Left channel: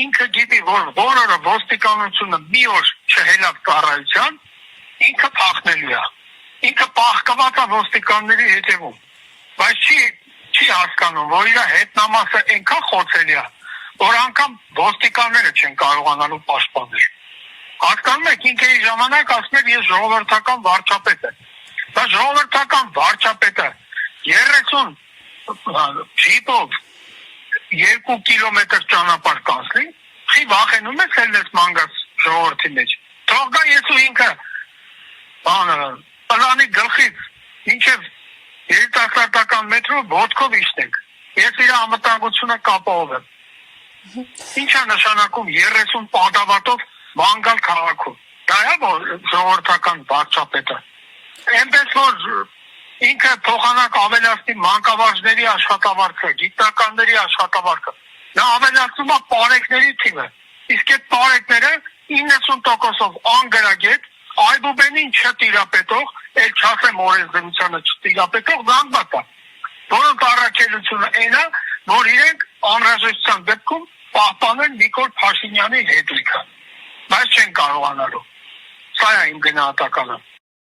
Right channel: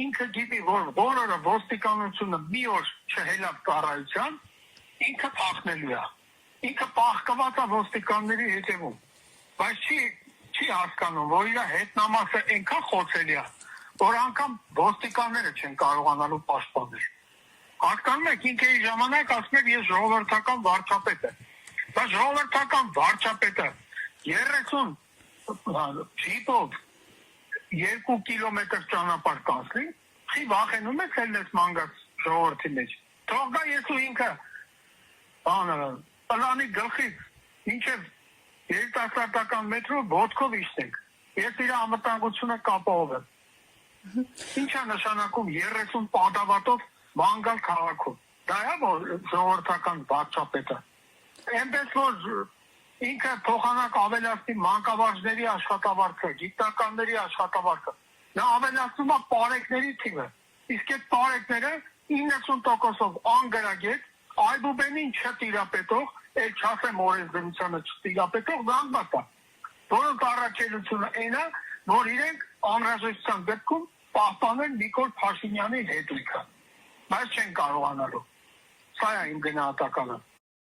ինքը գիտի, որ բոլորը ոստիկանությունը մի օր չհելավ ծառայության, ինքը փախնելու է։ Ինքը պահկված է ոստիկանների հետևում, բայց չի հասկանում, որ իր հետնամասը այնքան խոցելի է, որ անգամ ոստիկանները չեն կարողանալու պաշտպանել։ Հասկանում եք, ինքը իր ժամանակ ասում էր ես ժողովրդական վարչապետ եմ, բայց ժողովրդական վարչապետը 30 ջիպով 2 կիլոմետր ճանապարհ կանցնի, չի վախենում ես ելնես մանգաս ժողովրդի մեջ։ Թող գա ես ու ինքը պլանի գլխից մինչև երիտասարդական մետրո ոտքով իշտենք։ Ես իր անվտանգությունը կապահովեմ։ Ինչ է նշանակում 30 պատավատով մանգալ քաղաքում։ Դա է որ ժողովրդական վարչապետը։ Այնպես որ ինքը փոխանակ ավելացնի մանկավարժների աշխատավարձը, գիտնականների աշխատավարձը։ Նա ավելացնում է պարեկների թիվը։ Իսկ այդ պարեկները 90%-ով անգրագետ, այբուբենին չտիրապետող, էլ չասեմ օրենսդրությանը չտիրապետող զանգված է, որոնց առաքելությունը այն է, որ իրենք անհրաժեշտության դեպքում պահպանեն Նիկոլ Փաշինյանի հետույքը, բայց չեն կարողանալու։ Սա է իմ գնահատականը։